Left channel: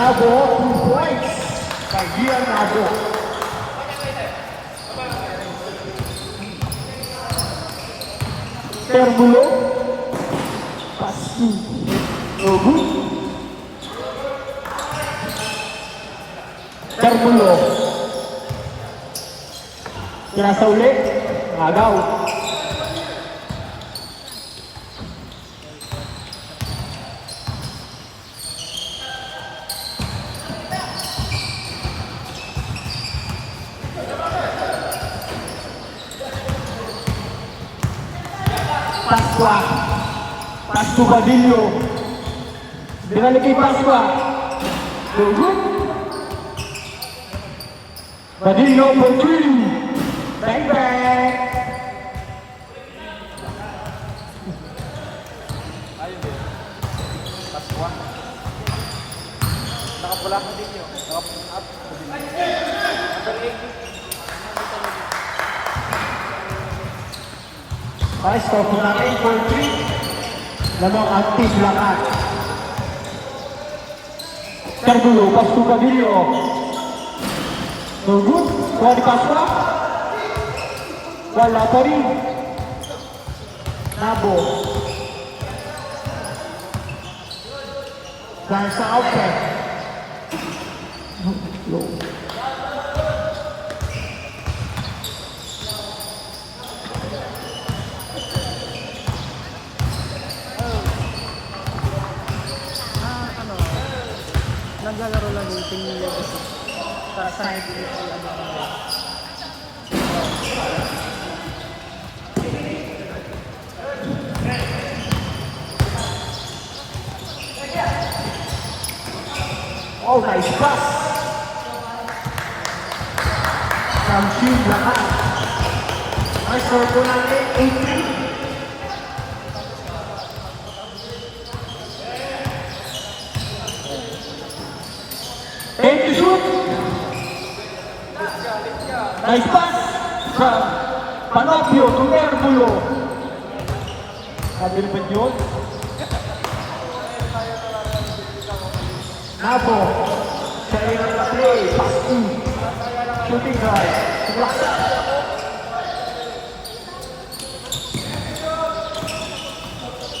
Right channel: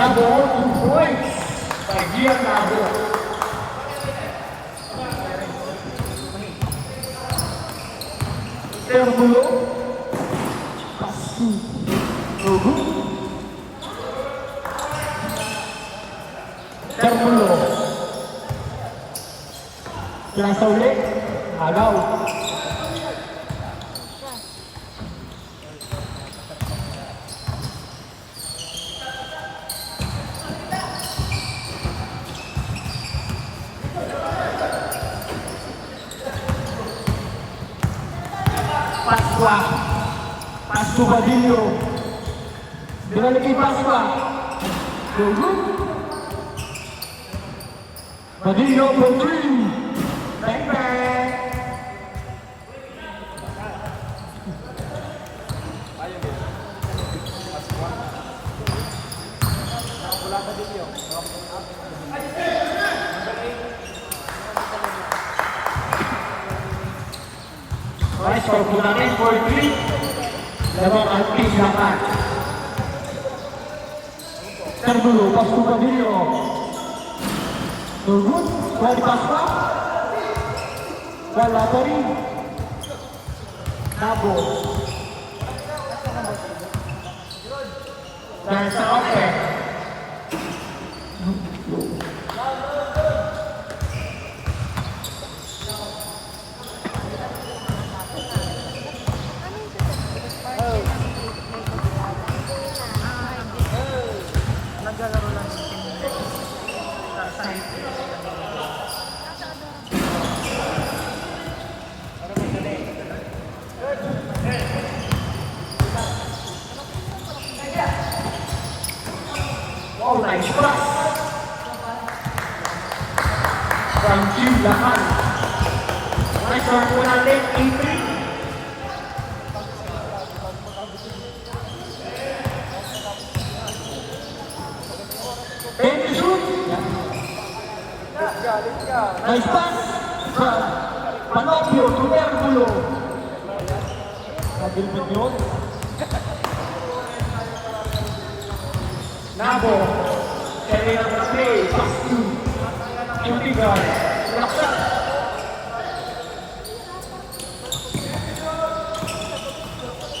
Nabo, 2 points. Pagyan Nabo. Terbulo. Pasu. Nogu. Terbulo. Terasa ulit. Agaw. Pascu Badillo dengan lebih Pasqua Dogu Badillo Putri bang bang ayo ya Pasqua bola ke video Vice Component Putri Dalam hati silakan. Terbulo Pascu Badillo. Tunggu, bola di Pasqua. Bola Tori. Nabo. Dan Saope. Oh, nice pass. From June Lahan. Nice start po natin. 8 to shoot. Nice pass from Panopio to Terbulo. Kabilbet yun. Nabo, Selena play, Pascu, shooting guard, Laksa.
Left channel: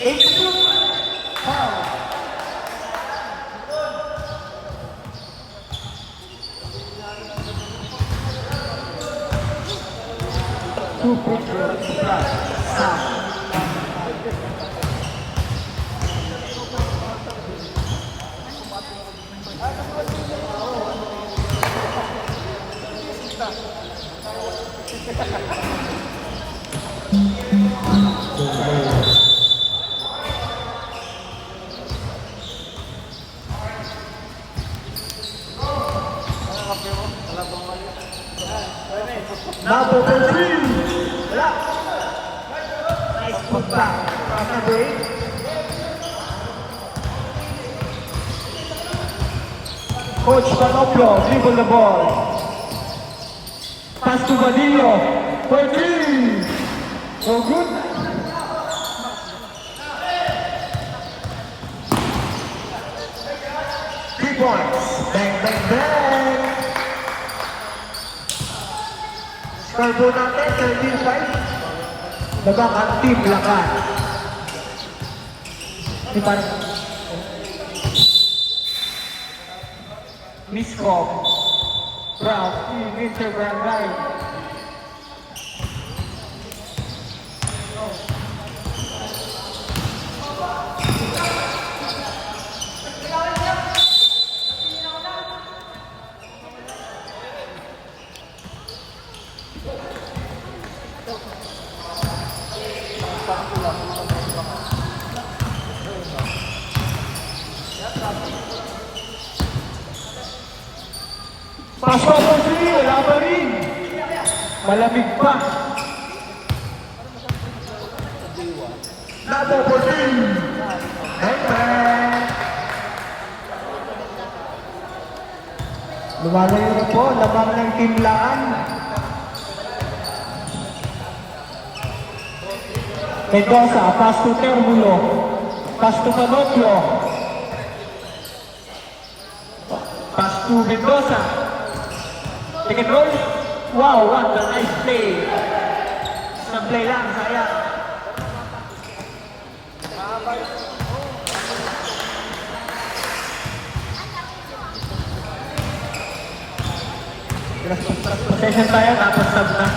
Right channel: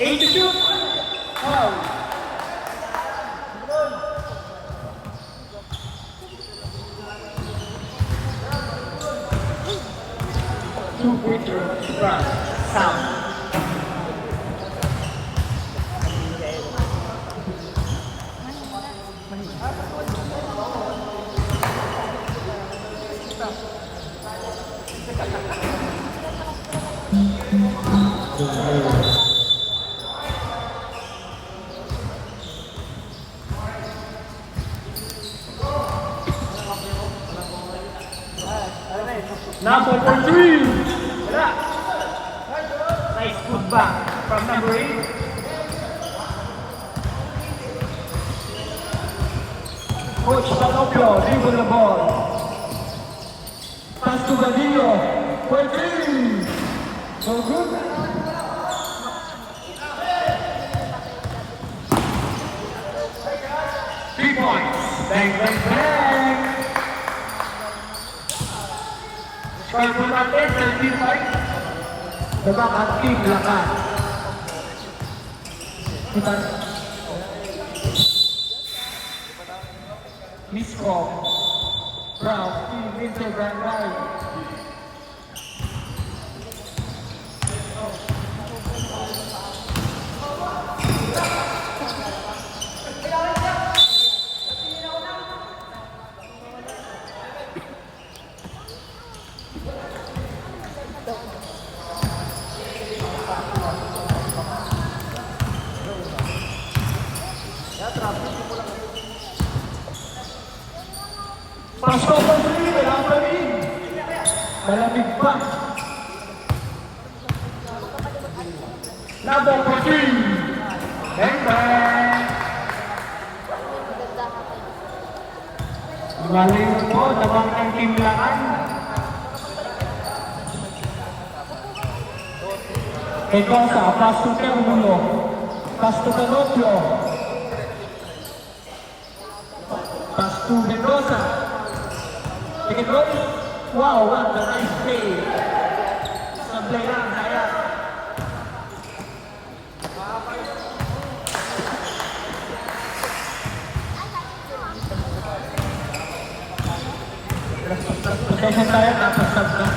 Eight shoot, foul. Two pointers, sound. Number 14. Nice put back from number 8. Coach Panopio, dribble the ball. Pass to Badillo. 14. So good. Points. Bang, bang, bang. Score po natin, 13 points. Mukhang active lakas. Miskop. Brown, Winter Barangay. Pasok po si, wala pa rin. Malamig pa. Number 14. Netback. Lumalayo na po, naman ng timlaan. Mendoza, pass to Temulo. Pass to Panopio. Pass to Mendoza. Take and roll. Wow, what a nice play. Isang play lang, sayang. Session tayo, tapos sub na.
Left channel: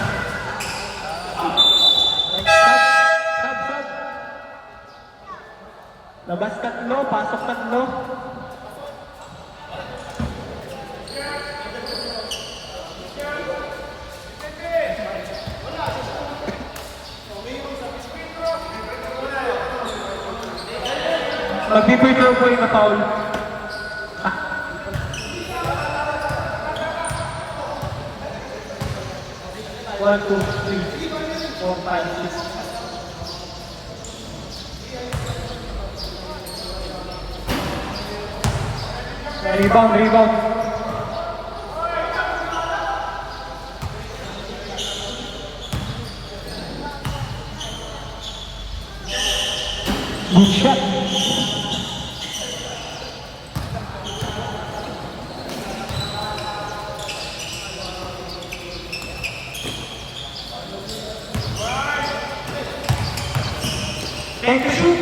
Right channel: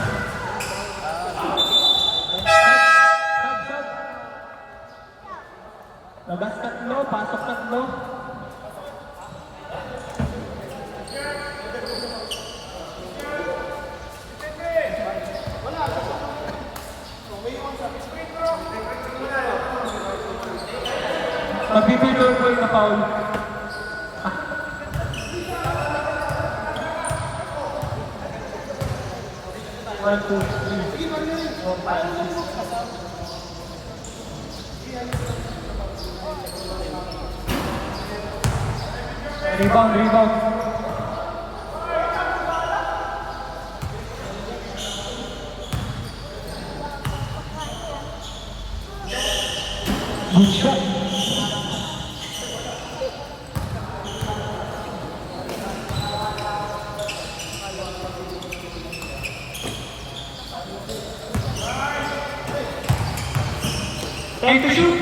Sub. Labas tatlo, pasok tatlo. Mag-prepare ko yung na-foul. One, two, three, 4, 5, 6. Rebound. Good shot. And to shoot.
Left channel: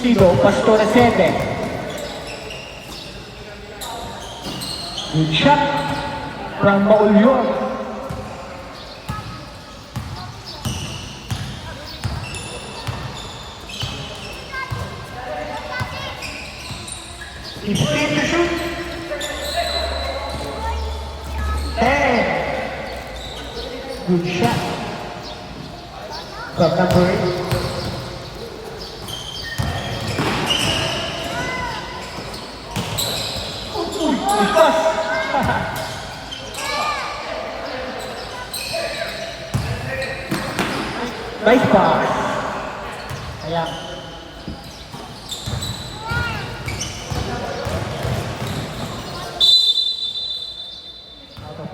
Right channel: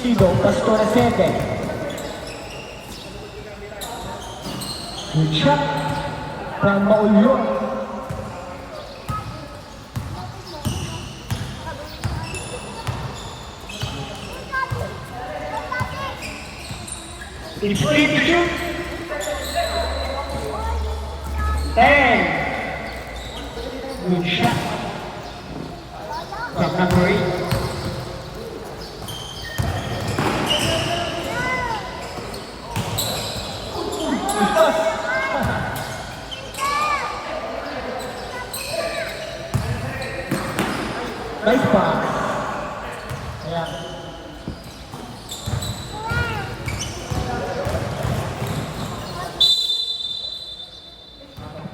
Sigo, Pastora Sede. Good shot from Maulyor. It's free to shoot. And good shot from number 8. Nice pass. Ayan.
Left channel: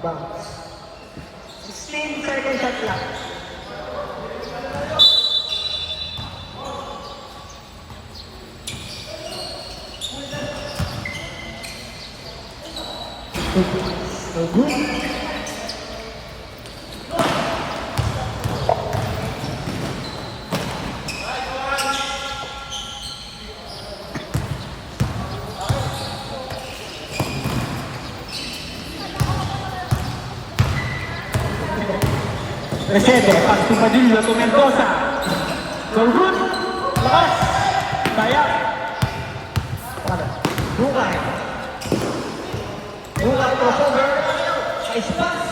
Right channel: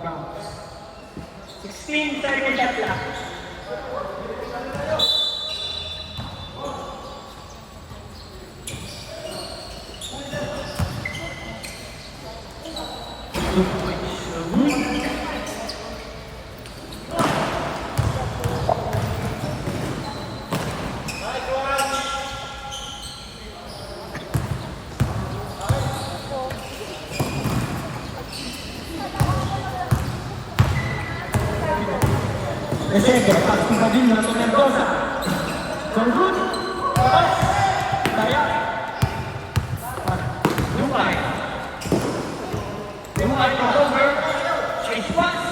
Bounce. 16 seconds shot lang. Good points. So good. Recebe, pass to Padilla to Mendoza. Go good. Labas. Daya. Bukay to over. Chase pass.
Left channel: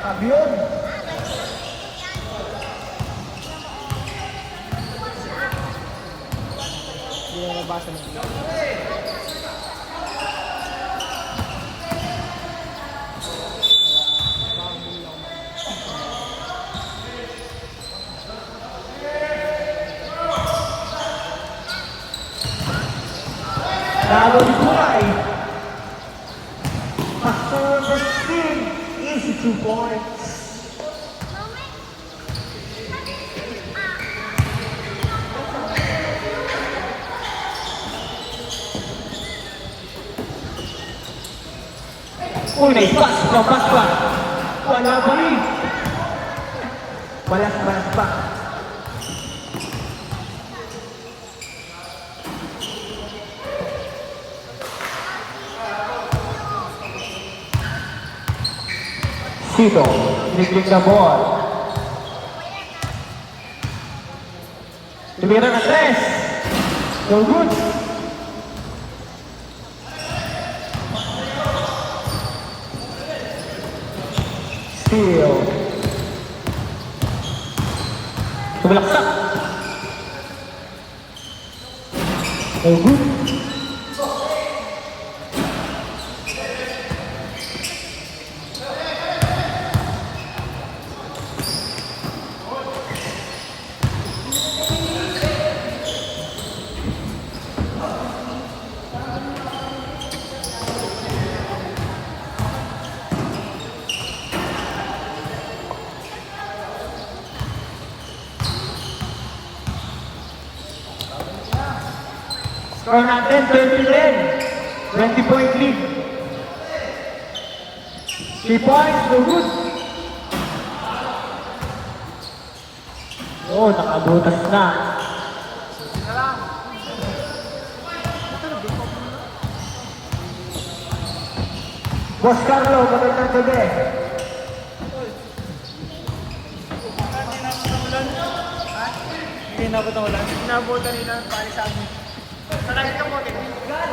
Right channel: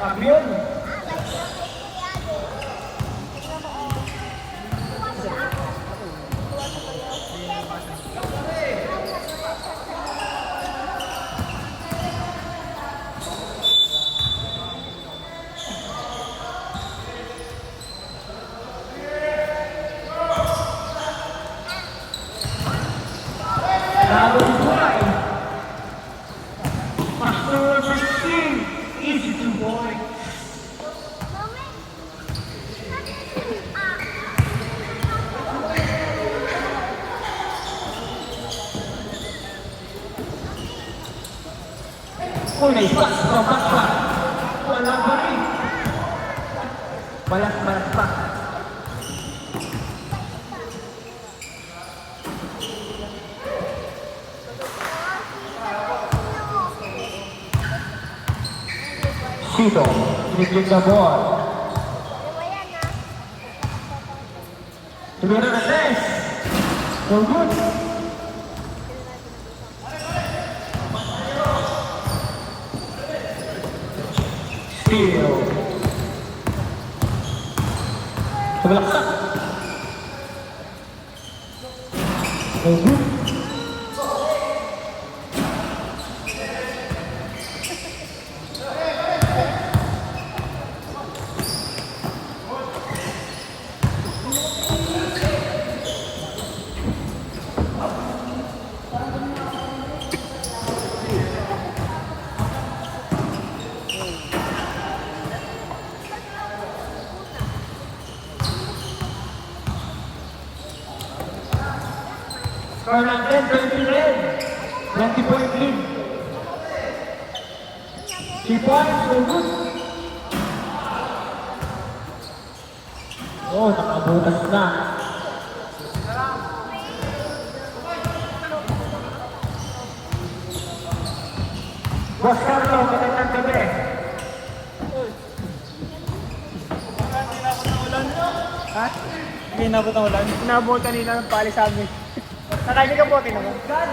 Fabion. Easy 2 points. Uy, naipas ng paspa. Wala pa rin. Walang paspa. Sito, niliglig na ball. Tumira na 3. Go good. Steal. Tumalaksak. No good. Score natin, 30-10. 20-point lead. 3 points, no good. Oh, nakabutas na. Basta na, bakit ng gabi? Hindi inabot ang ulan. Inabot kanina ang palisan mo. Marami ka po, God!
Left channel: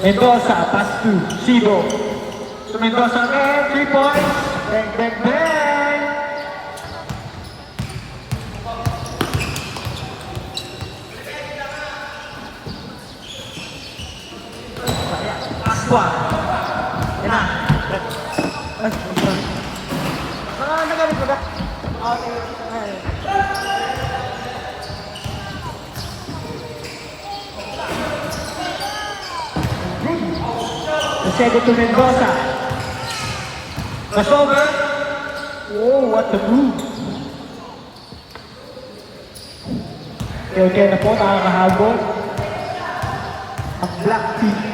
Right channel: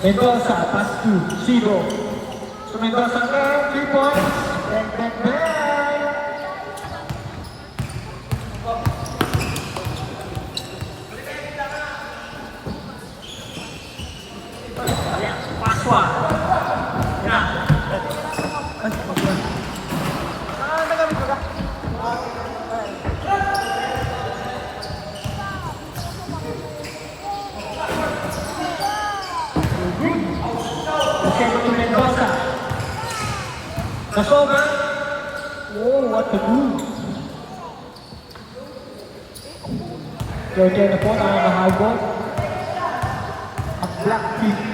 Mendoza, pass to Sido. To Mendoza again, 3 points. Bang, bang, bang. Last one. Yan. Send it to Mendoza. That's over. Oh, what a move. Okay na po, nakakahabol. Ang black team.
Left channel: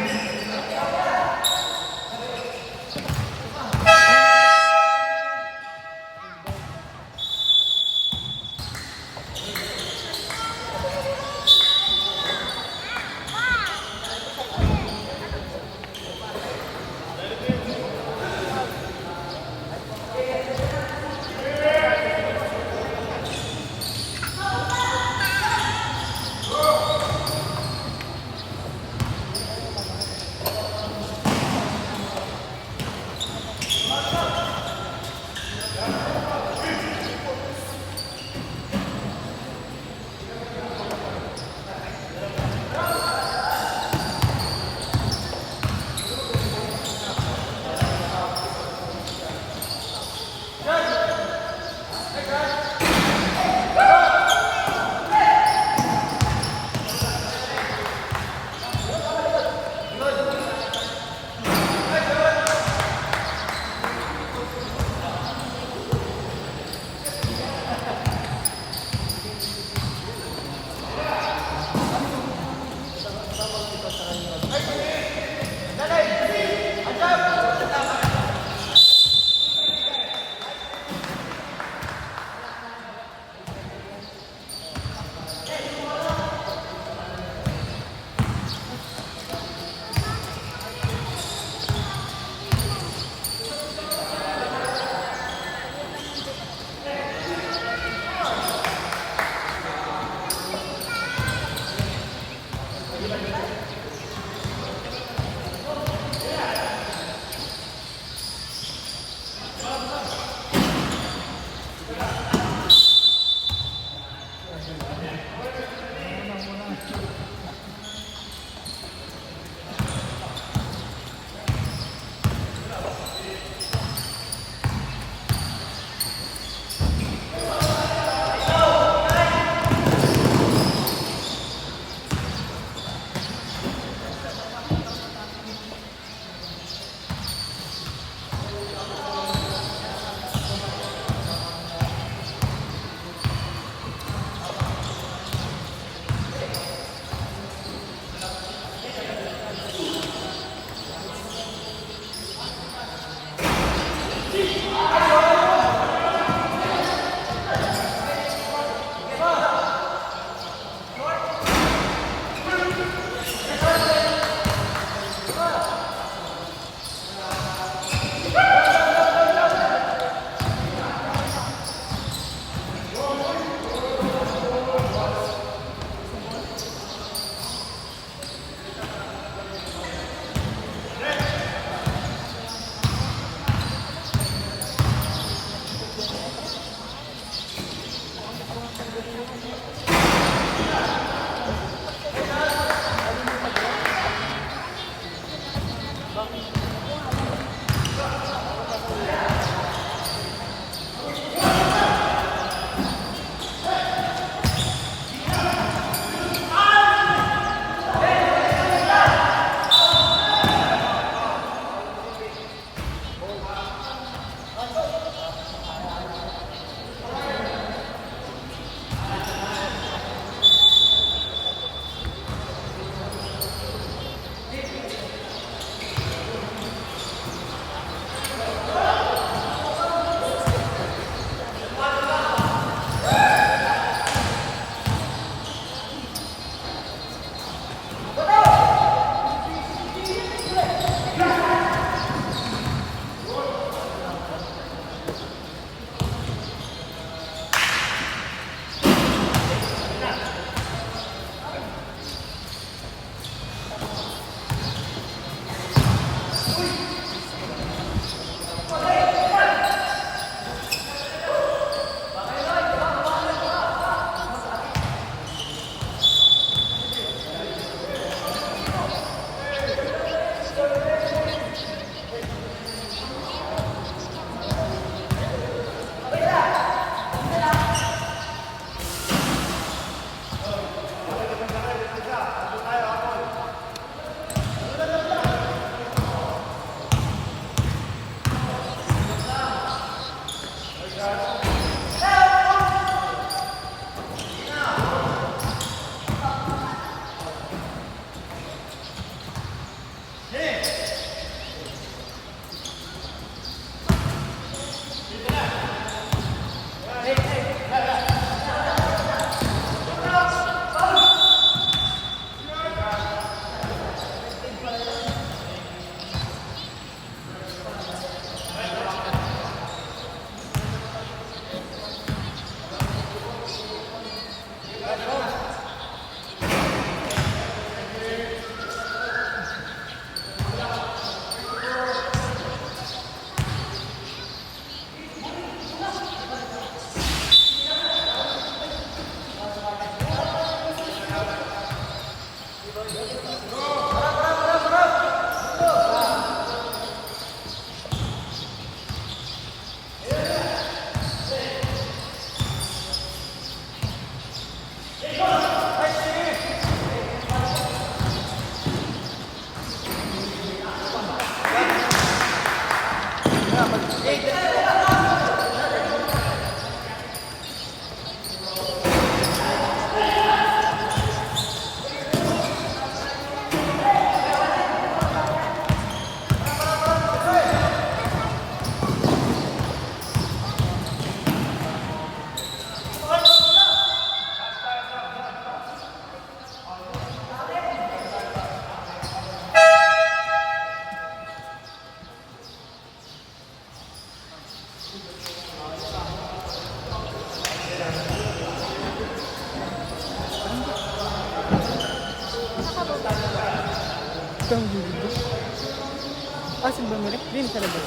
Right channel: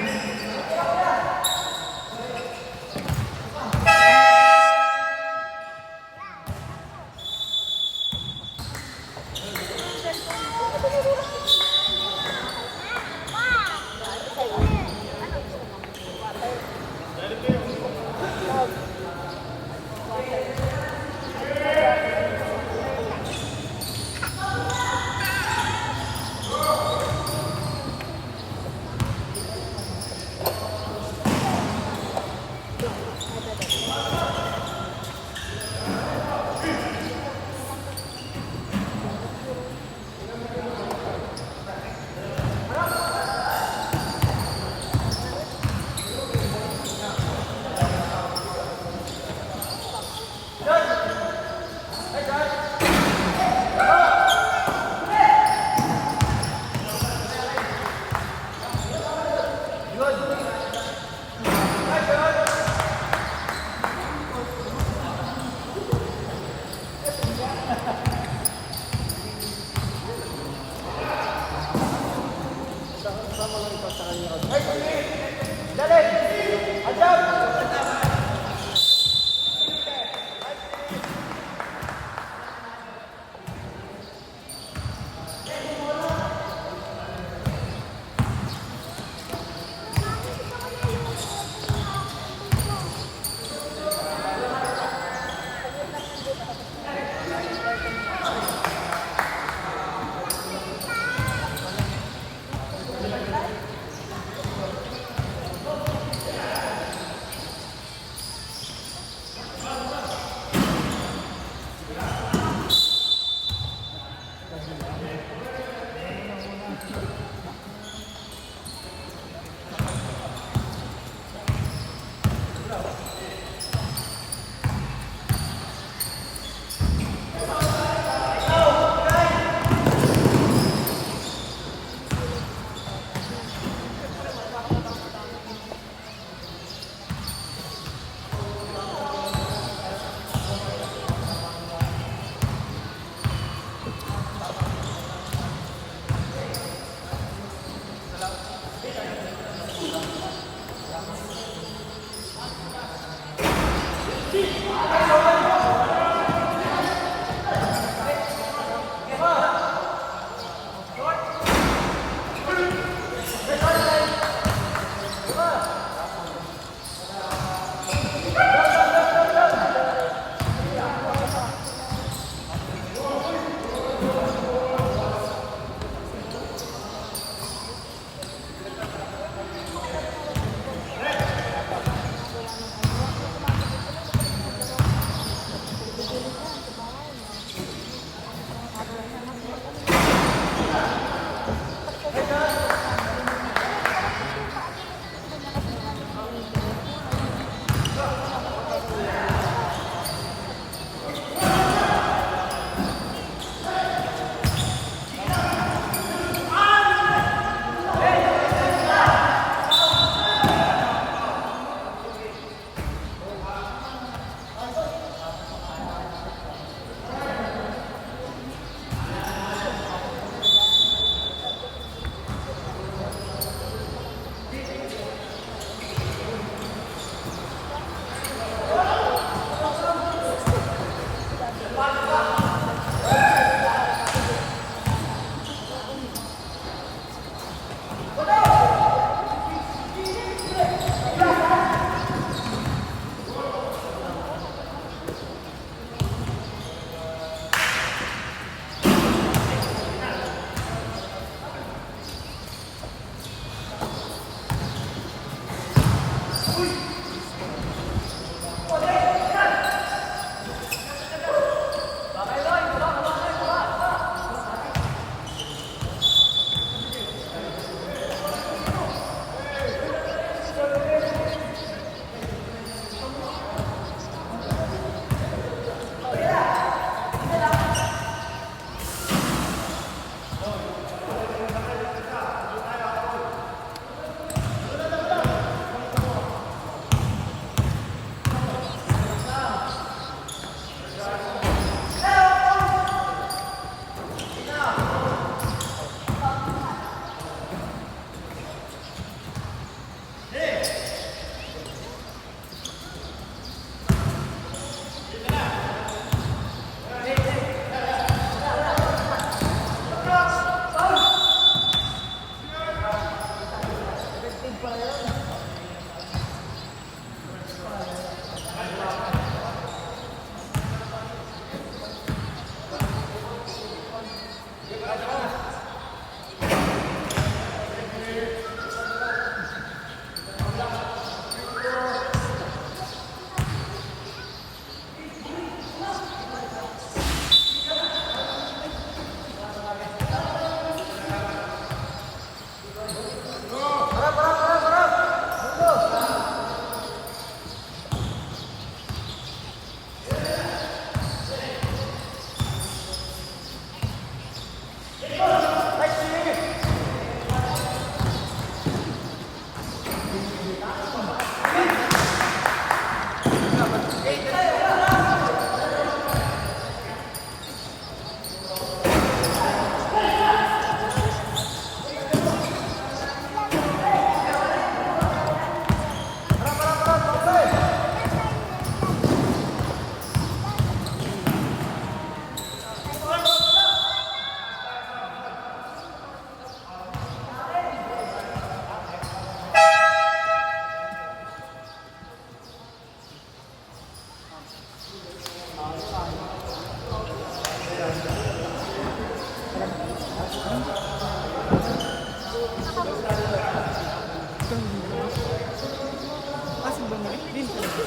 Kasi bumili. Din sa labas.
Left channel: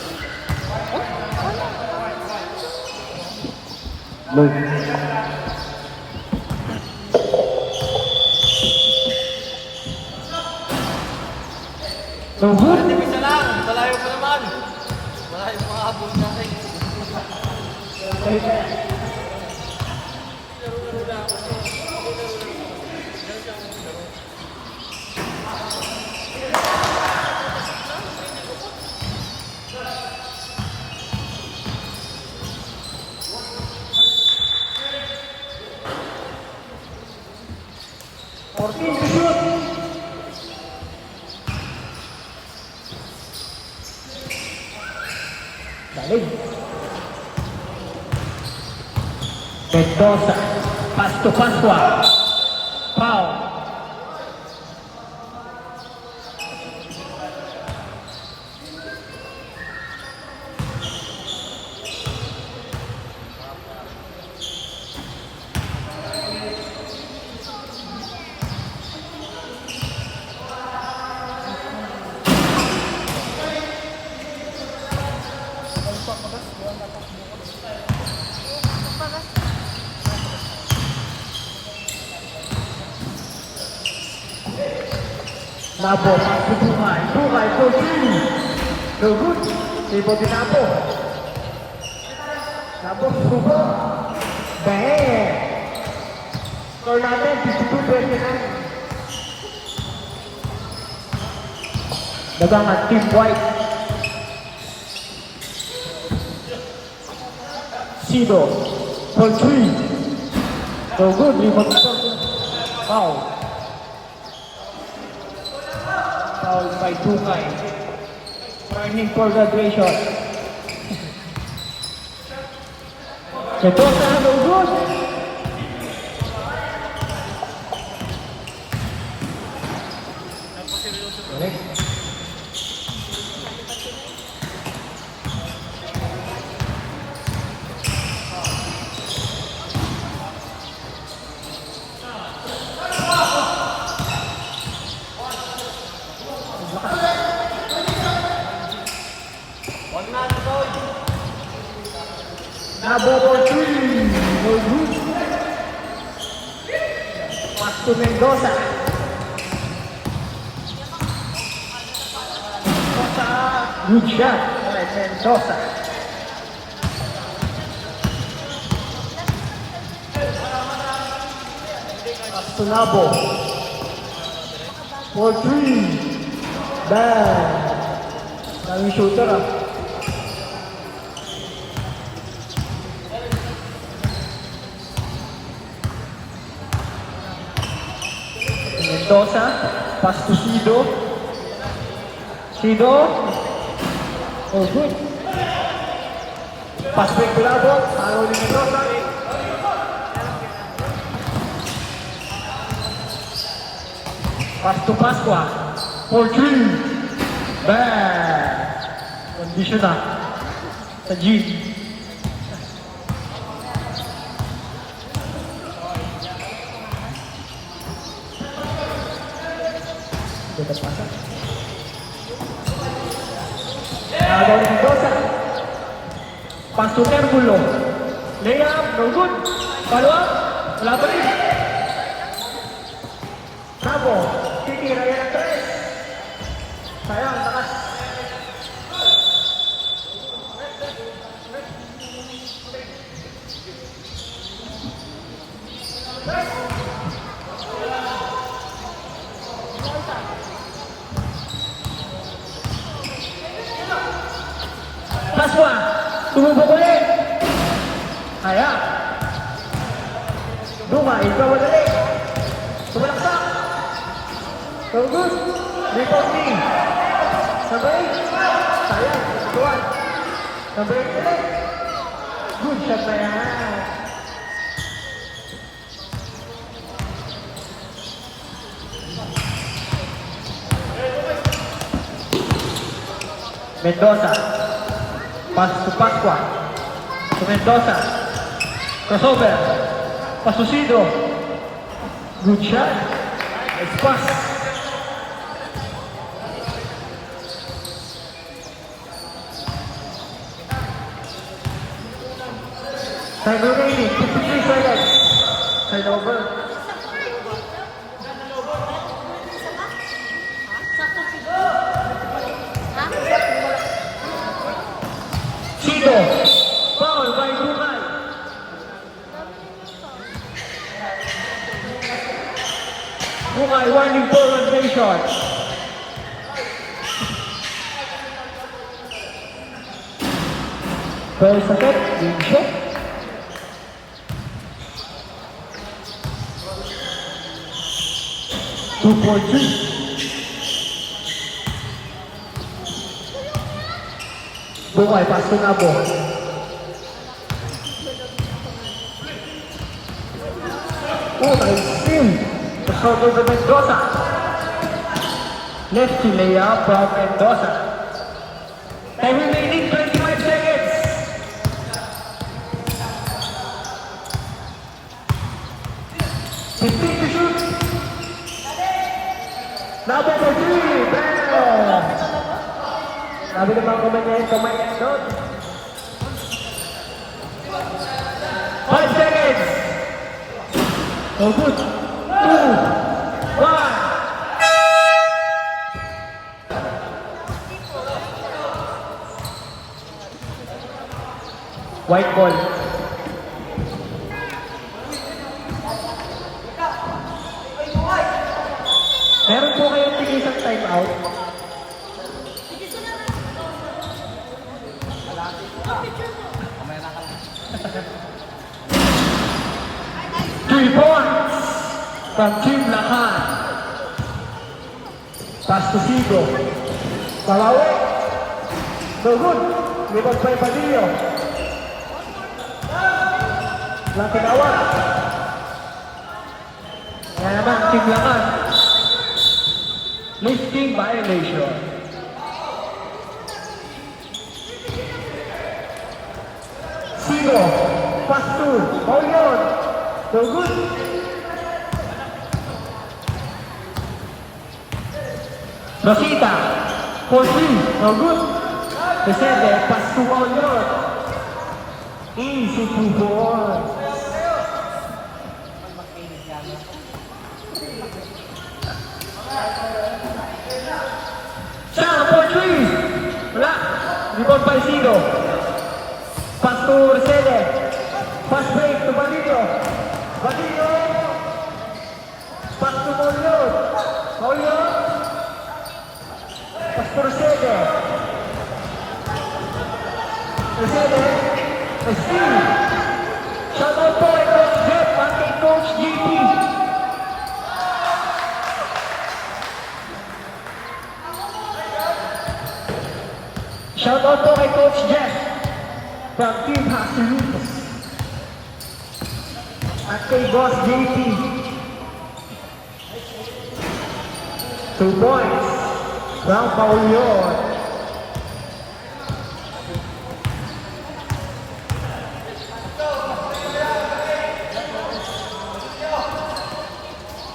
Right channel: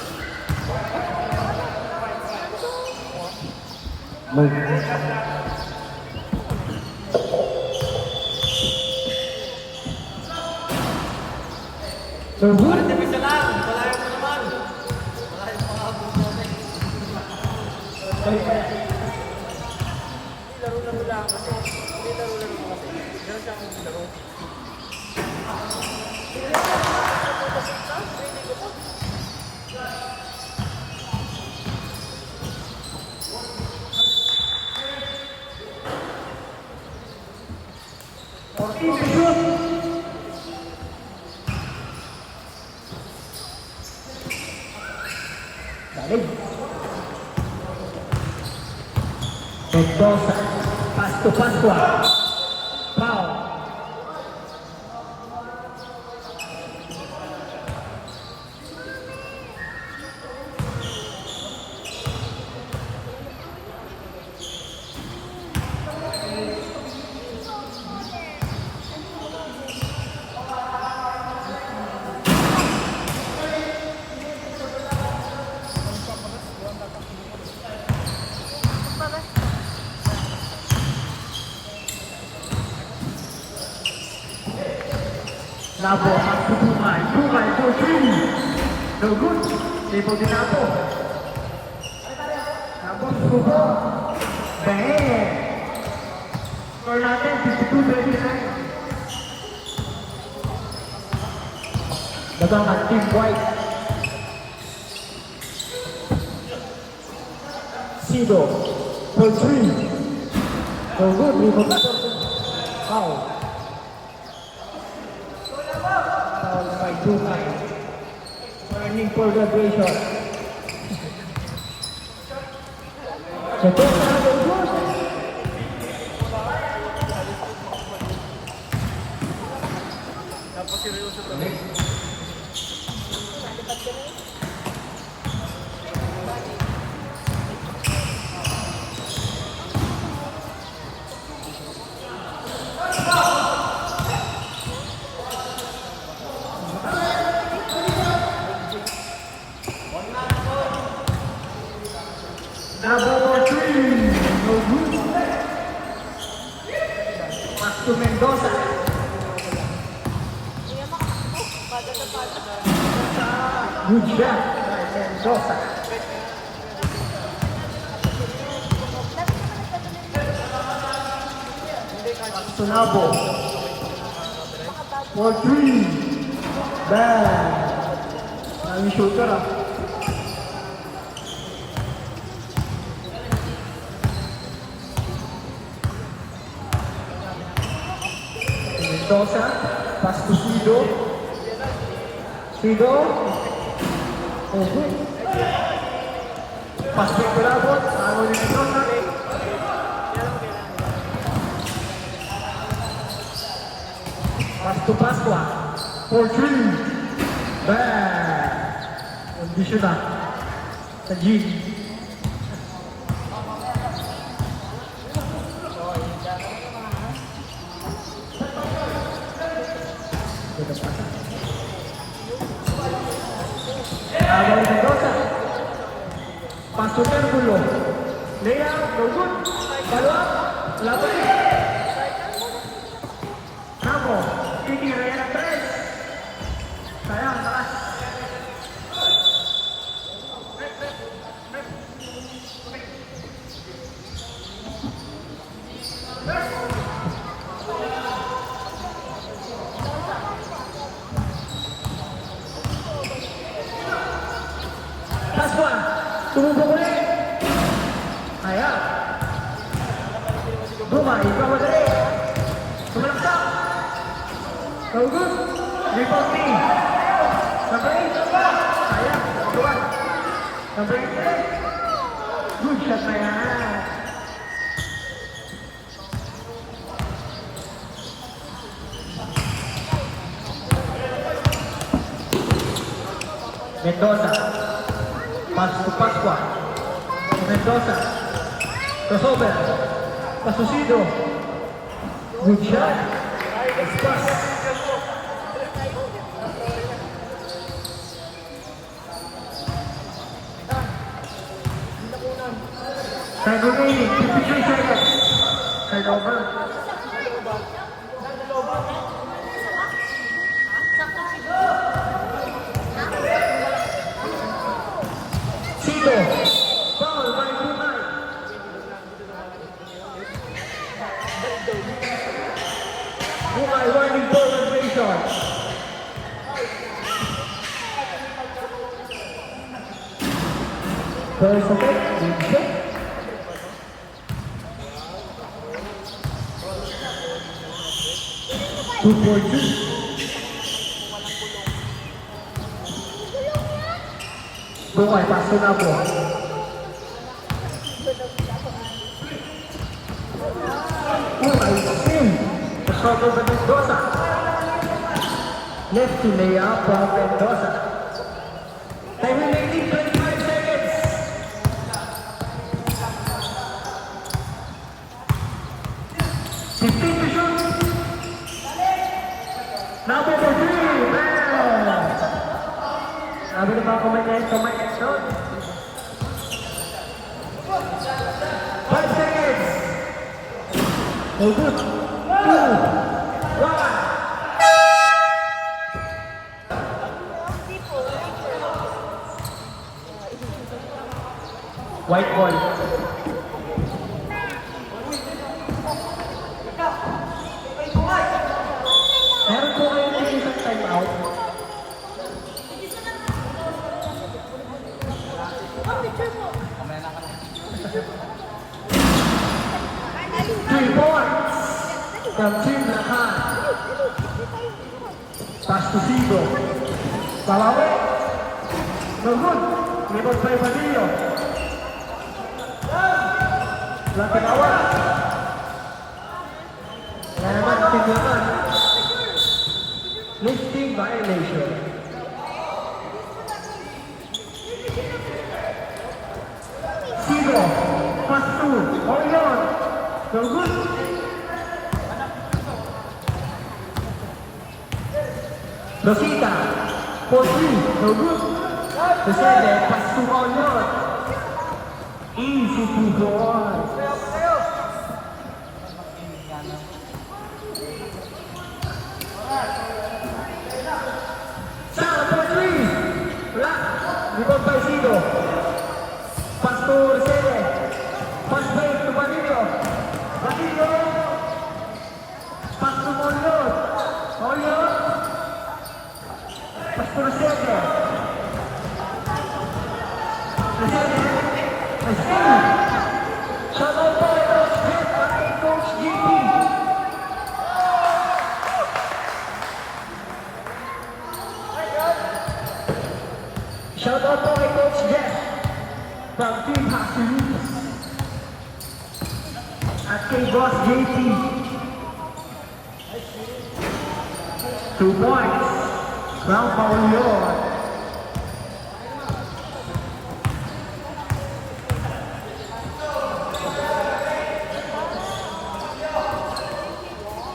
No good. Isa lang. Malayo pa naman. Malayo pa habol natin. Laro-laro lang kasi. Hindi laro-laro kasi. Ganun siyang laro. Mendoza, pass to Pasqua, foul. Nabo, Dumay, Portini. No good. Tipo di Nabo. Nabo, Subo. Bang. Orlando, 52-29. Dagangan, Team White. Sido, Portini. No good. Rebound foul. Foul by Dumay. Warning for graduation. Mendoza, no good. Napaseryoso to. Nabo, Portini. No good. Pass to Mendoza. Good shot by Mendoza. Nabo. Portini. Bang. Daming shooter. Mendoza, pass to Sido. Sido. Oh, good. Pass to Ecuador. Mendoza. Pass to Pasqua. 4-3. Bang. Condition na. Sa G. Pass to Terbulo. Layup, no good. Follow up. Wala pa rin. Sabo. Titira yan. Sayang, taas. Pasqua. Tumubok ulit. Ayan. Dumay, ikaw madali. Sumasa. Tugus. Reporting. Sabay. Ayan. Buwan. Sabay. Good shot na yan. Mendoza. Pass to Pasqua. To Mendoza. Crossover. Pass to Sido. Good shot. Nice pass. Time remaining, 53 seconds. Turnover. Sito. Foul by Bukay. Bukay warning for rotation. First second, game shot. Two for two. Bukay, paso na po. Oh, I see. The shot over Mendoza. Left to layup from Mendoza. Time remaining 25 seconds. Number 3, bam! Sabi ng mga kamay no? 5 seconds! No good! 2, 1! White ball. Meron po kayong tigil sa time out. Kamaya na ka lang. 3 points from Team Lakan. Pass to Sigo. Salawe. No good. Libot by Padillo. Napinawala. Yan naman, Team Lakan. Lifting violation. Sigo. Pass to. Hold on. No good. Rosita. 4-3. No good. Descende. Pass to Onion. Easy 2 points. Sana 4-3. Wala. Rebound by Sigo. Pass to Resende. Pass break to Badillo. Badillo. Pass to Onion. Onion. Pass to Resende. Resende. Resende. Shout out po kay Coach Jeff at kay Coach JP. Shout out po kay Coach Jeff from Team Hasilus at kay Boss JP. 2 points from Paulion.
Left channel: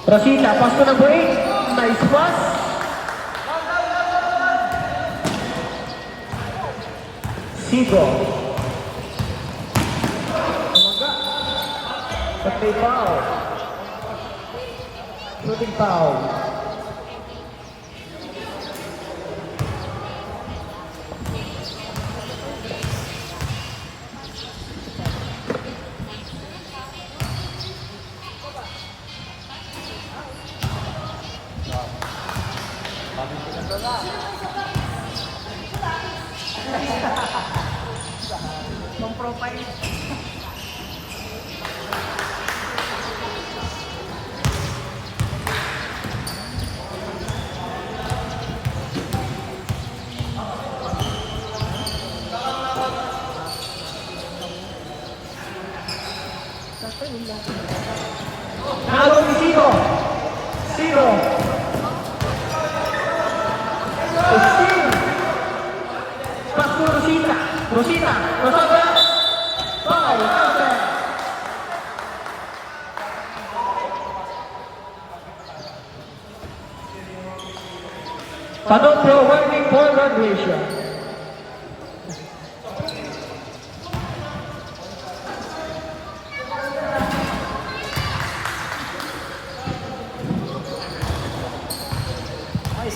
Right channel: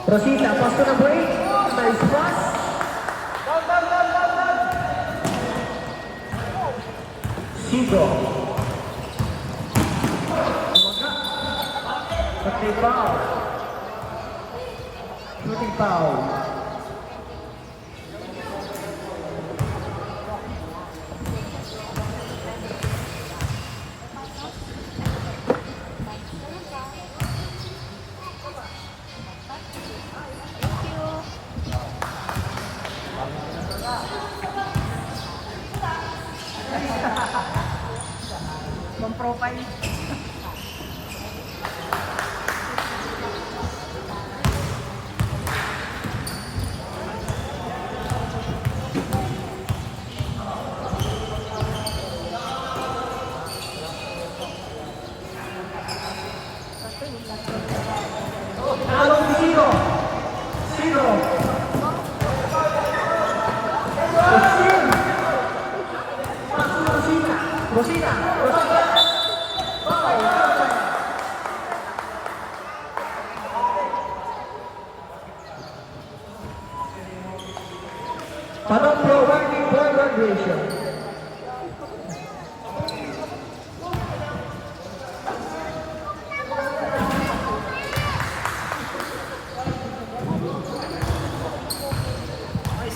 Rosita, pass to number 8. Nice pass. Sigo. Shooting foul. Shooting foul. Pang-profile. Nalo ni Sino. Sino. Pass to Rosita. Rosita. Rosita. Foul. Counter. Panoplo warning for graduation.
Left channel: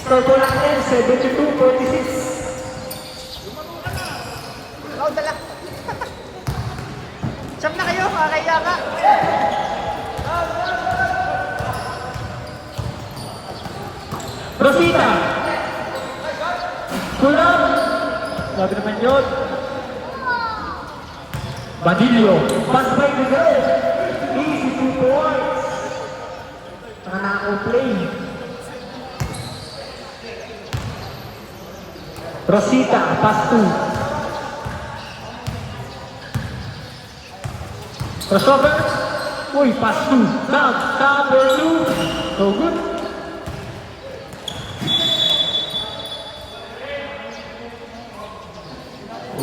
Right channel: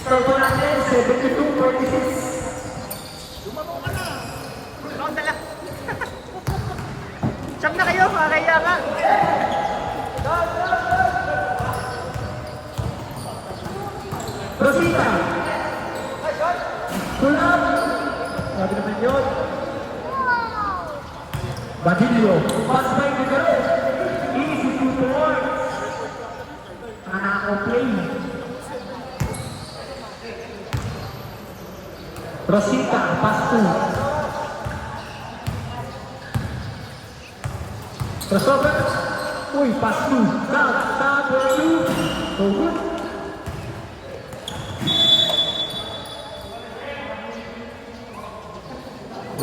Total natin, 72-46. Oh, dala. Siyam na kayo, kakaya ka. Rosita. Pull up. Sabi naman yun. Badillo. Pass by the girl. Easy 2 points. Play. Rosita, pass 2. Crossover. Uy, pass 2. Down. Number 2. So good.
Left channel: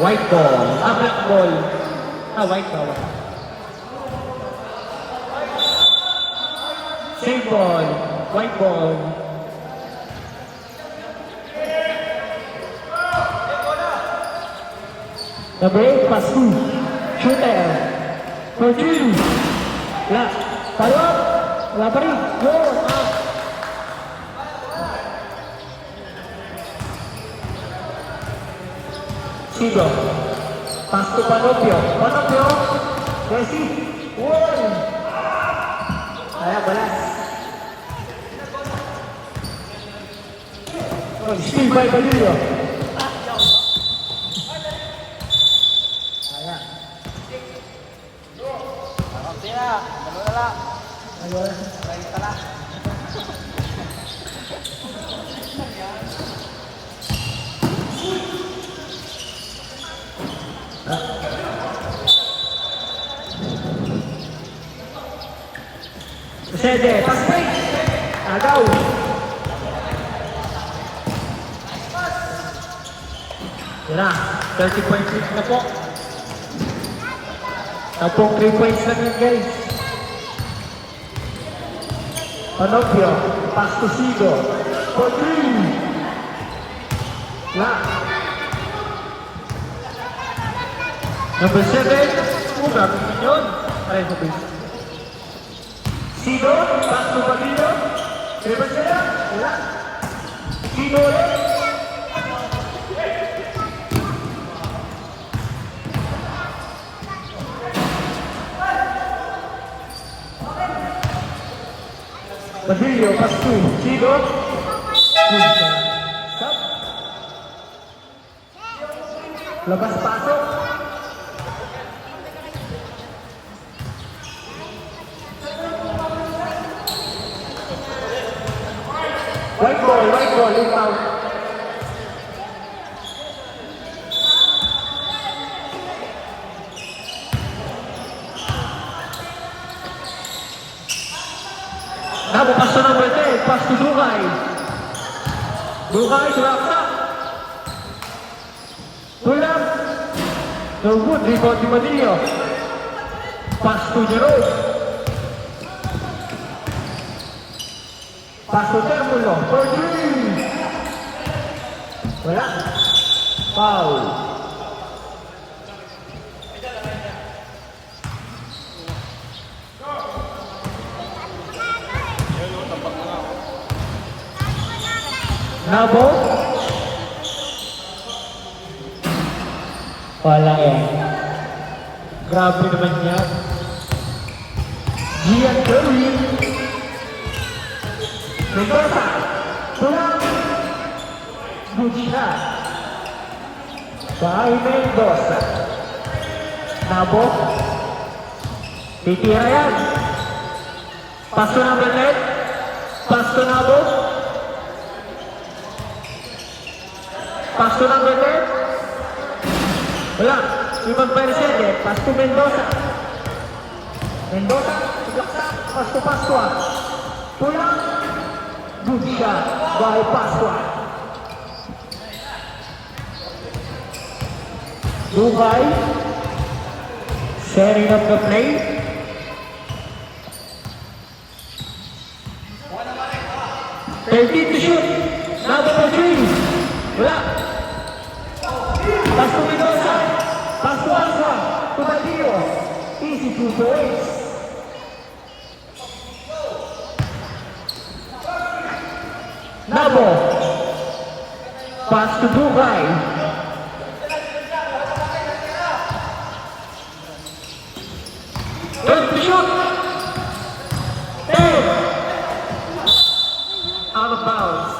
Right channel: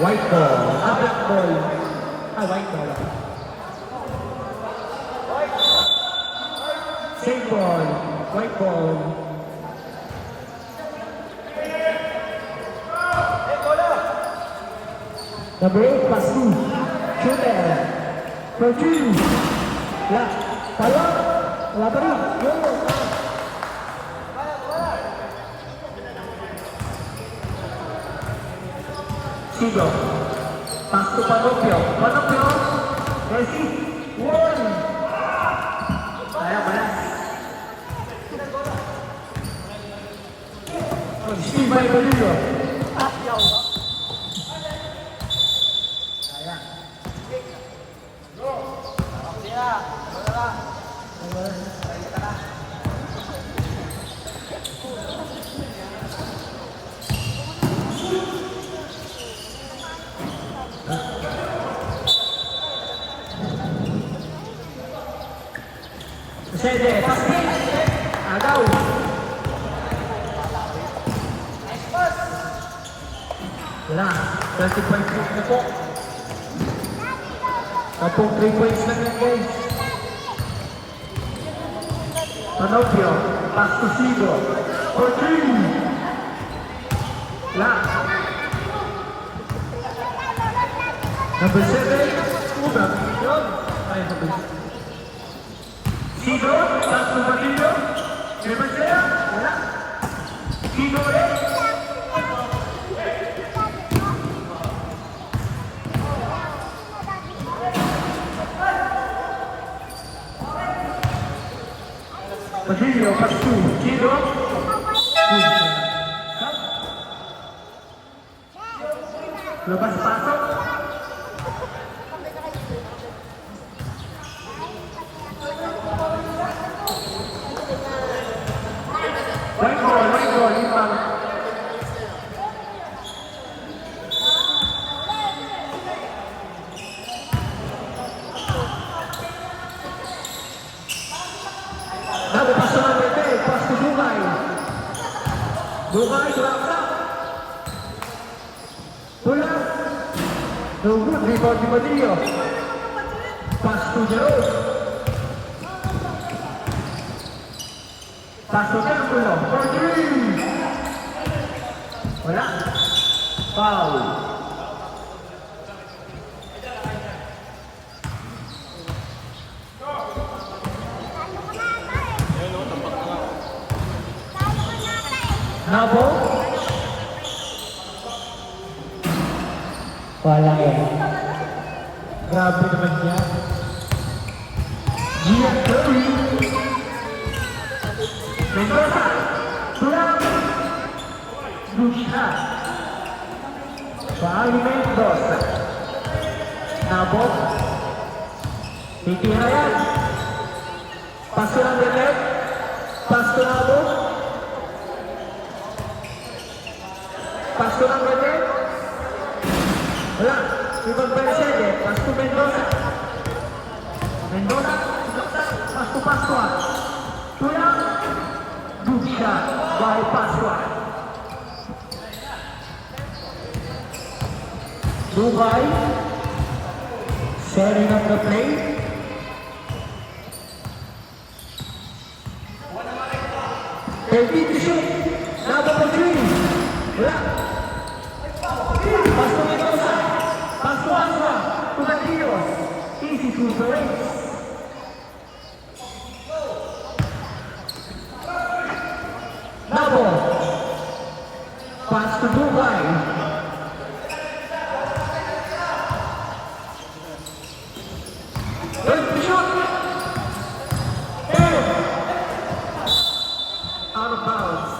White ball. Black ball. White ball. Same ball. White ball. Number 8, pass 2. Shooter. For 3. Wala. Follow up. Wala pa rin. Go. Out. Sigo. Pass to Panopio. Panopio. Messi. One. Ayan, balas. Oh, Steve Babalillo. Sede, pasay. Agaw. Wala, 30 points na po. Tapong 3 points lang yun, guys. Panopio, pass to Sigo. For 3. Wala. Number 7, Uga, yun. Pareho sa base. Sigo, pass to Bagillo. Number 7, wala. Sigo, Bagillo, pass to Sigo. Lepas pasok. White ball, rebound. Nabo, pass to number 10, pass to Dugay. Dugay, surakta. Pull up. No good, rebound to Badillo. Pass to Jerome. Pass to Temuno. For 3. Wala. Foul. Nabo. Walang grabe naman yan. Gian Curry. Mendoza. Tulang. Lucia. Shari Mendoza. Nabo. Titira yan. Pass to number 10. Pass to Nabo. Pass to number 10. Wala. Ibang Persede. Pass to Mendoza. Mendoza. Pass to Pascua. Tulang. Lucia. By Pascua. Dubai. Setting up the play. To shoot. Nabo for 3. Wala. Pass to Mendoza. Pass to Pascua. To Badillo. Easy 2 points. Nabo. Pass to Dugay. Good shot. Ten. Out of bounds.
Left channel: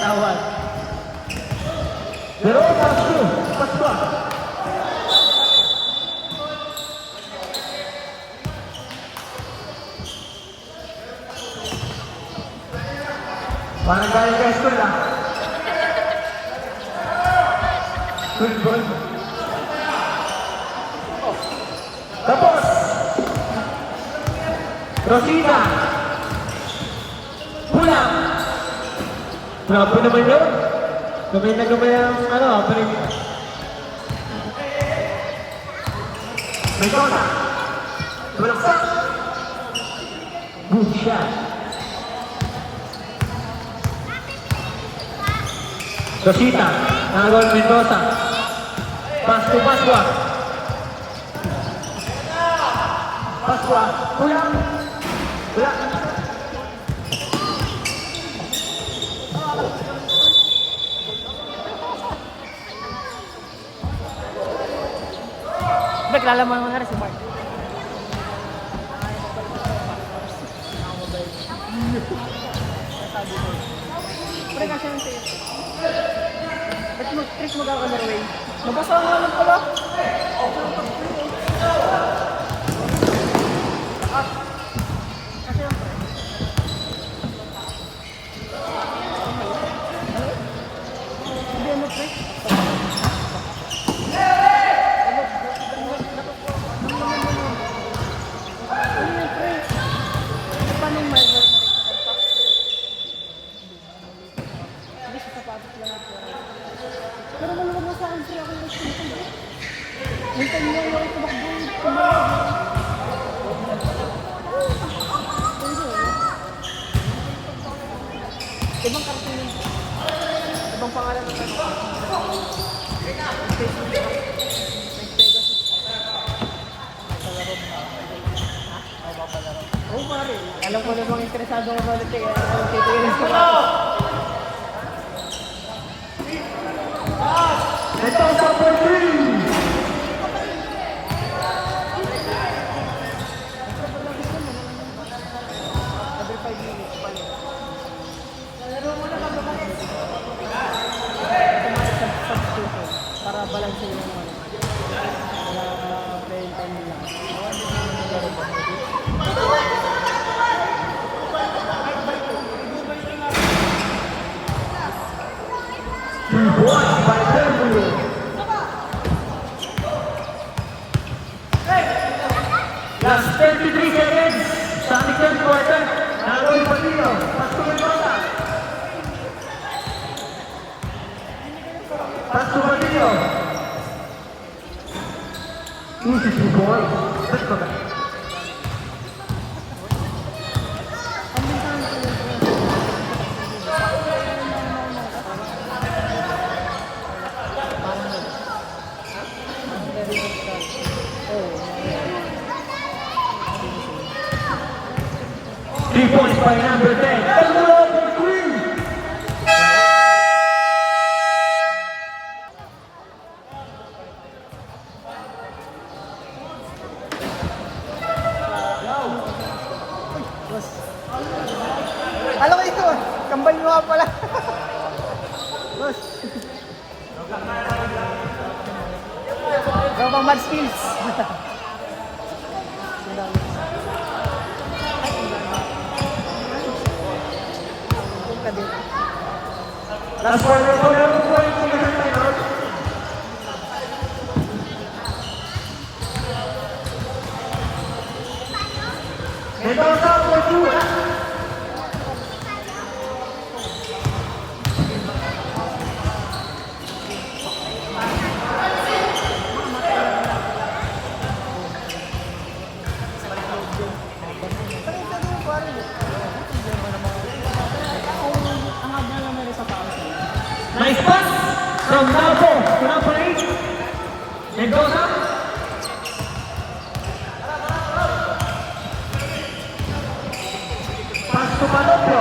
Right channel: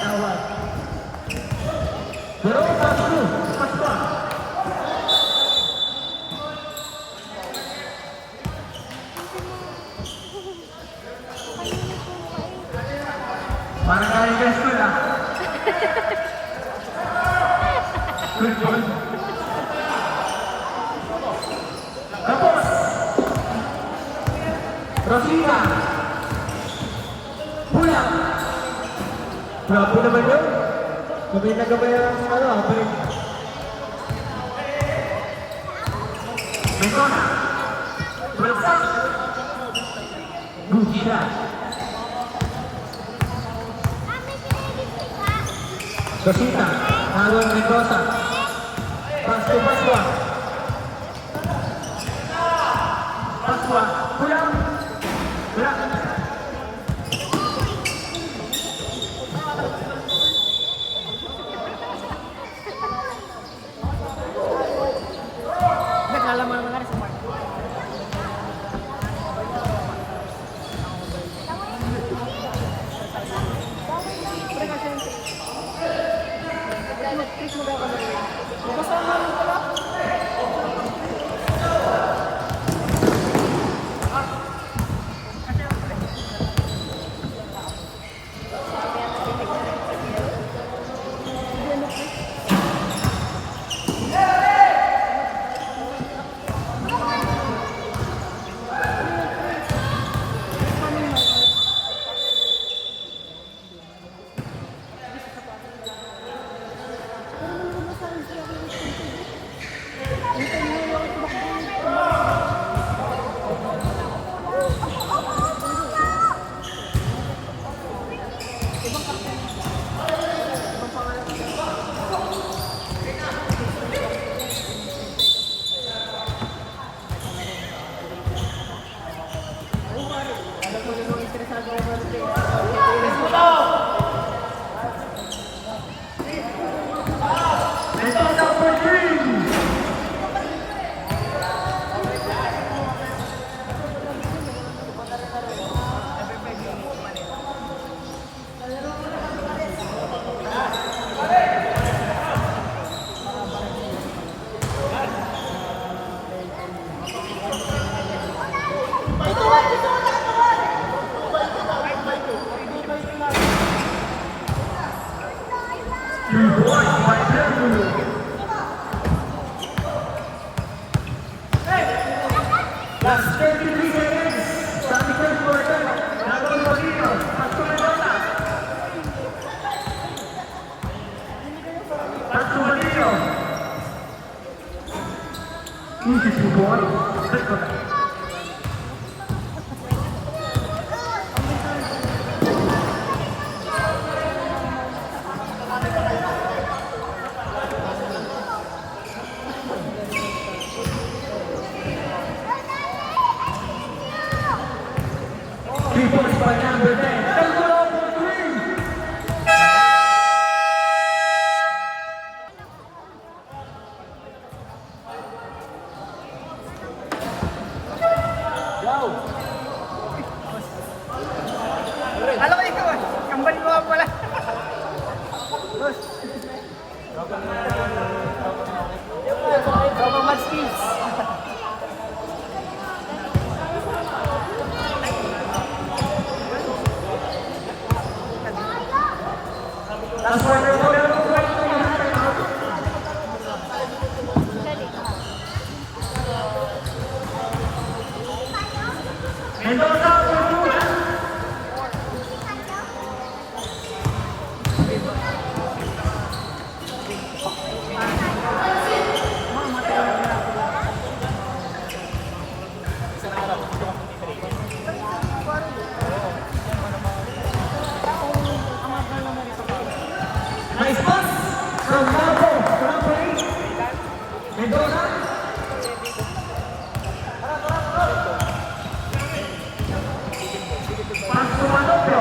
Tawad. Pero pass to. Pass pa. Para kami sa school ah. Good ball. Tapos. Rosita. Pula. Grabe naman yun. Gamay na gamay ang ano, balik. Mendota. Bagsak. Good shot. Rosita, nagawin Mendoza. Pass to Pascua. Pascua, pulang. Pulang. Naglalaman nga rin si Mark. Pwede kasi yung tape. Chris magkakalaway. Mabasa na lang pala. Ibang pangalan. Alam ko namang interesado ko ulit eh. Titilis ko lang. Last 23 seconds. Sonic third quarter. Nagawin Pagino. Pass to Mendoza. Pass to Pagino. Easy ball. Three points by number 10. Alam ko ikaw ah. Kambal mo ako pala. More skills. Last quarter. Mendoza, Pagino. Nice pass from Dabo to number 8. Mendoza. Pass to Alonso.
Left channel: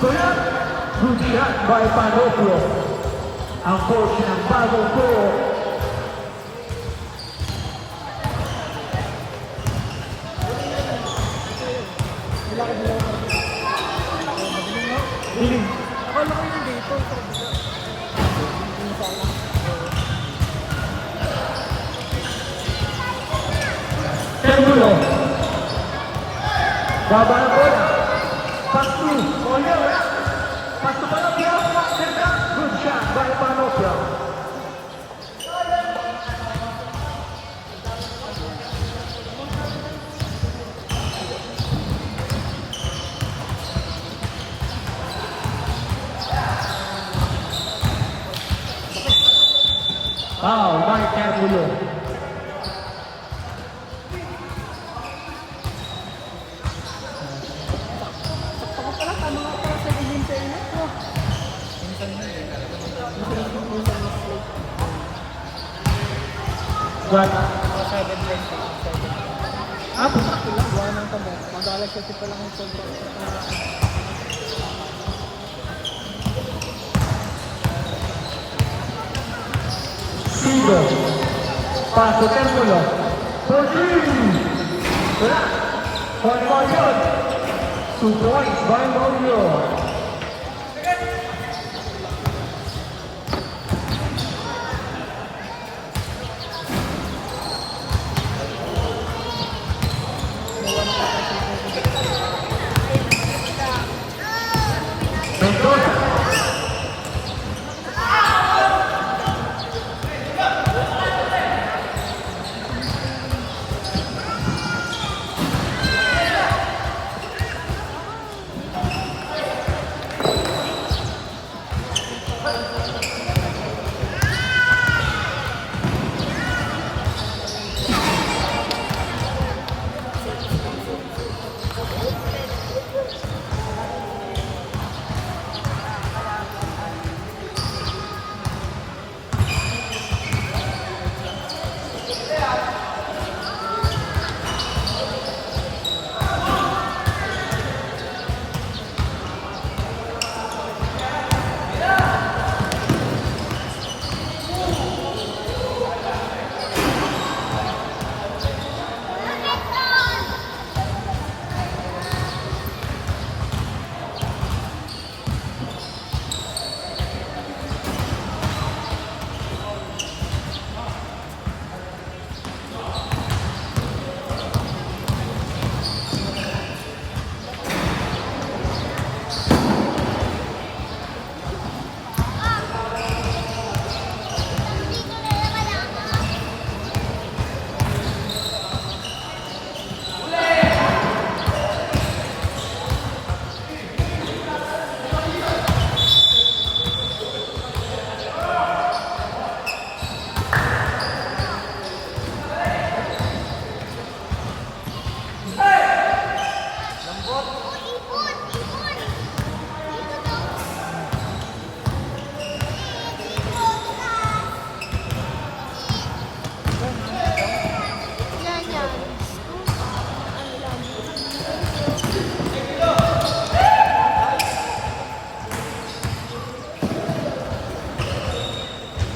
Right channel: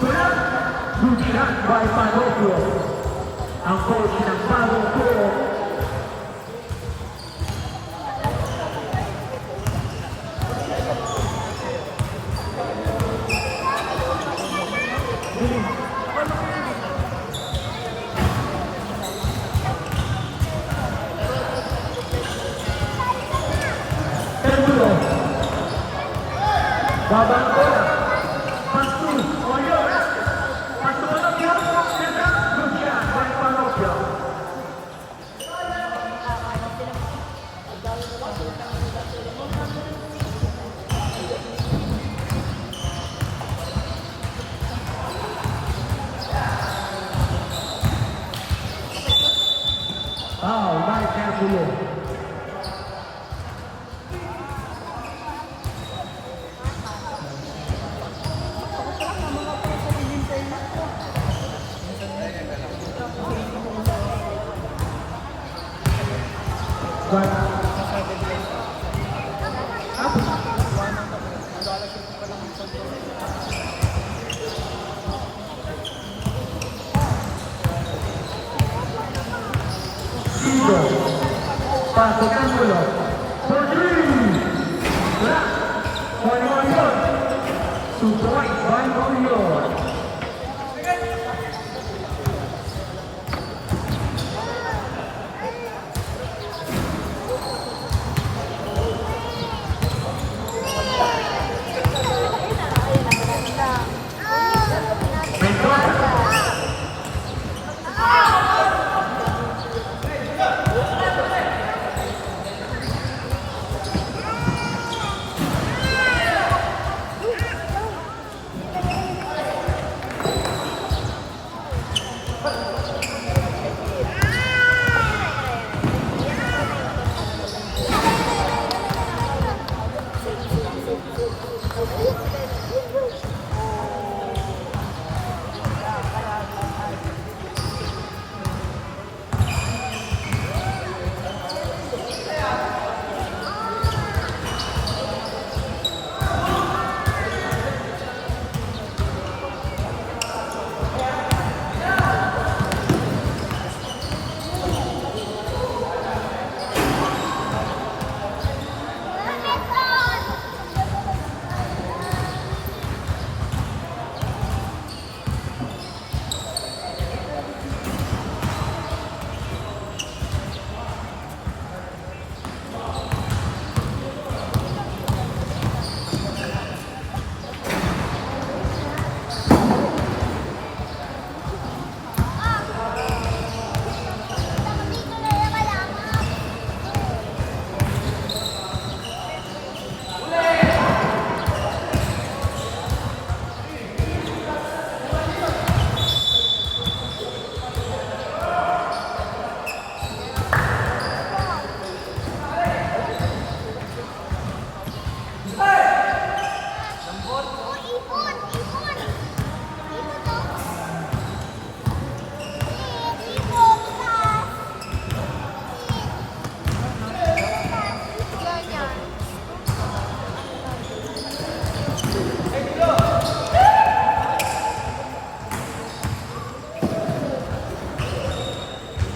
Kulang. Lubihan by Panoplo. Ang coach ng Panoplo. Dilim. Wala kayo dito. Termulo. Babato. Pasu. Pasu. Lubihan by Panoplo. Foul by Termulo. But up. Zero. Pasok Termulo. For three. Black. By Marion. Surprise by Romeo.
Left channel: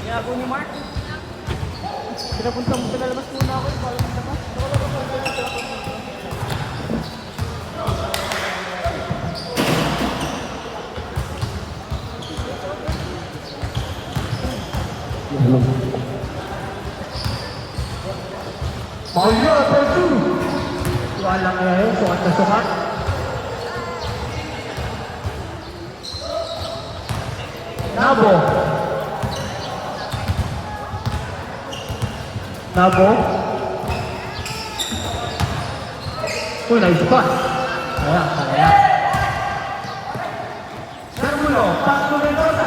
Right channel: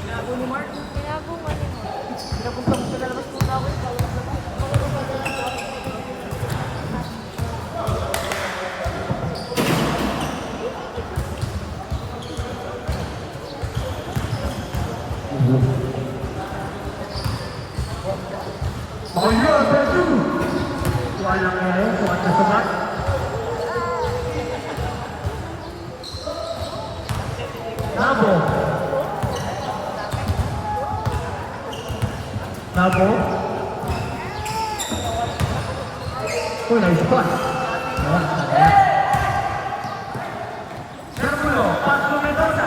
Gago ni Mark. Marion for two. Walang ngayon, sukat na sukat. Nabo. Nabo. Oh, nice pass. Kaya. Termulo, pass to Mendoza.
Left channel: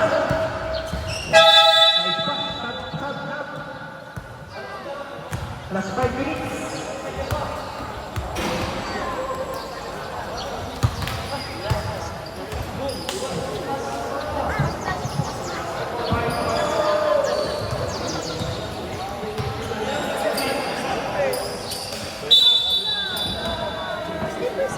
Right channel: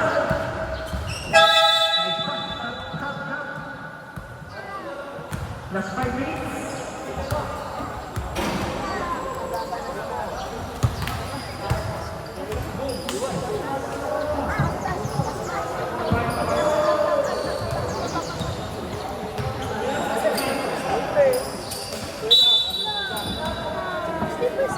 Nice pass. Last 5 minutes. Sleepers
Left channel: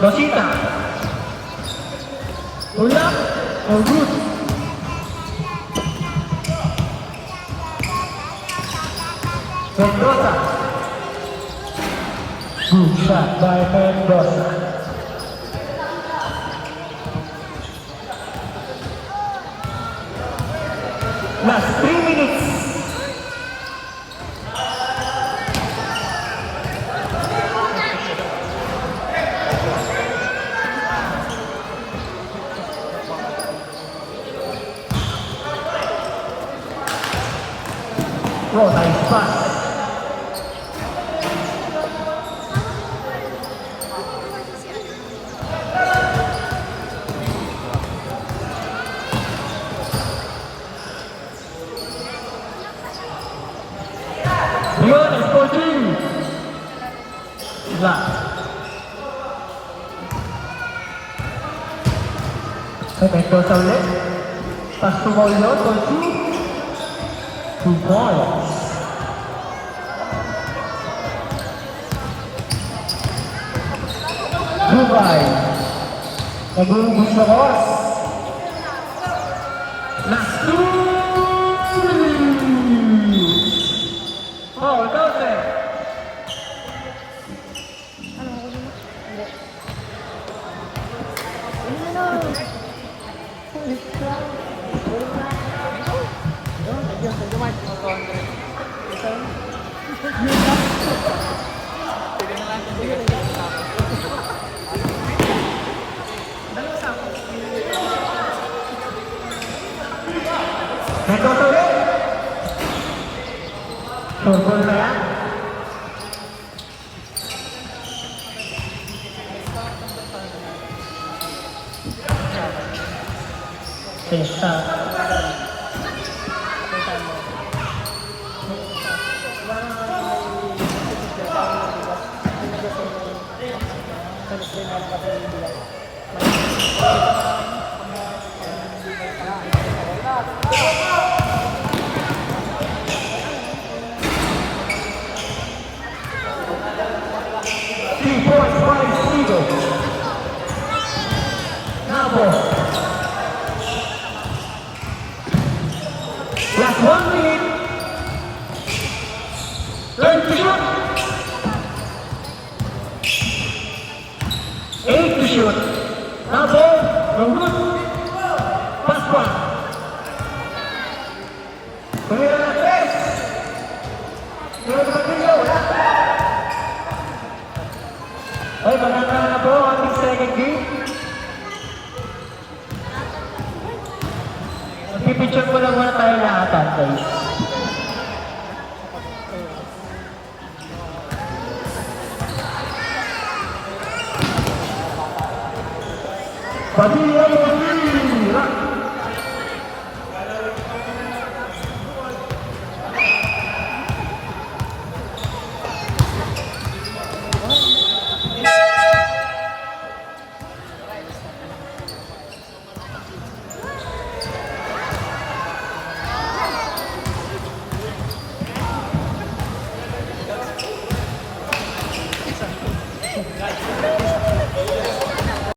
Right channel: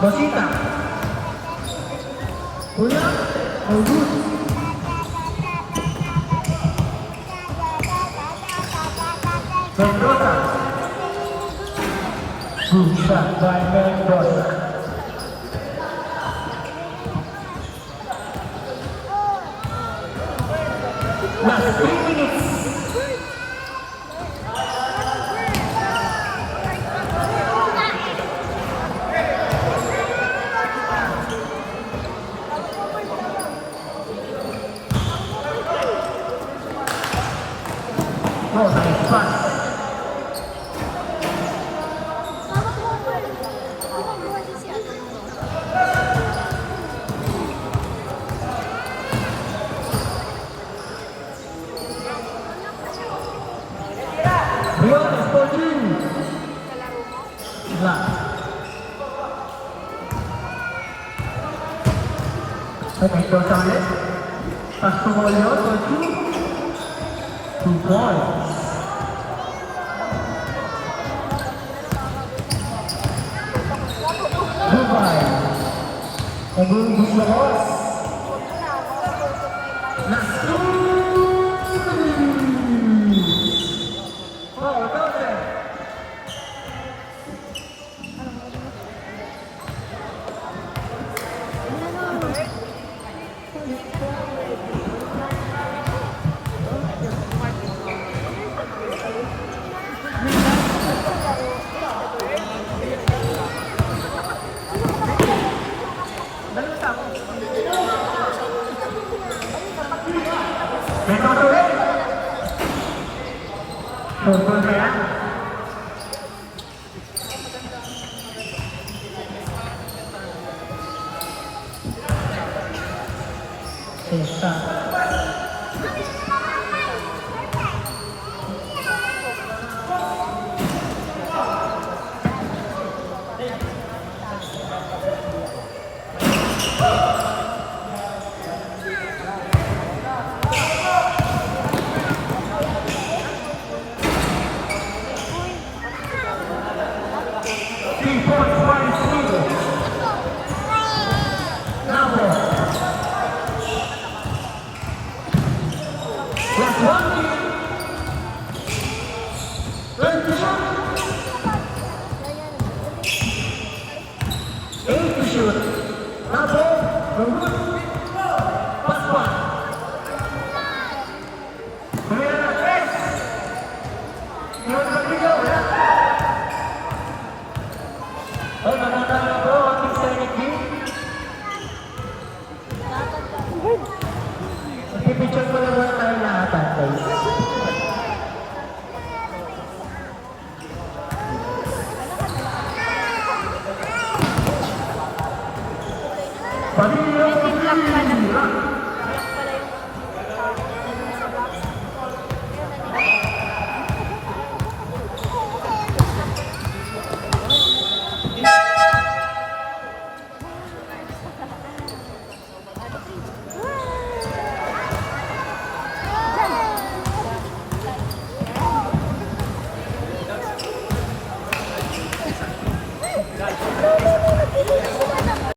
Rosita. Ulap or good? Mendoza. Good shot by Mendoza. Last 3 minutes. Oh, nice pass. Rion, Sporting. Lah. Mendoza ulit. Pass to Rion, Sporting. 2 points. Dubai. Nag-uubos na oras. Last 2 minutes. Oh, Dose. Dalawa sa ako. Mendoza ulit. Mendoza ulit. Testa. Last 1 minute. Learn to shoot. 8 to shoot. Now ball. No good. Pass one. Mayroon na 3. Mayroon na 3. Ay, maganda na po ang ating second game. Magpipicture ko lang muna tayo lahat, guys. Pamilya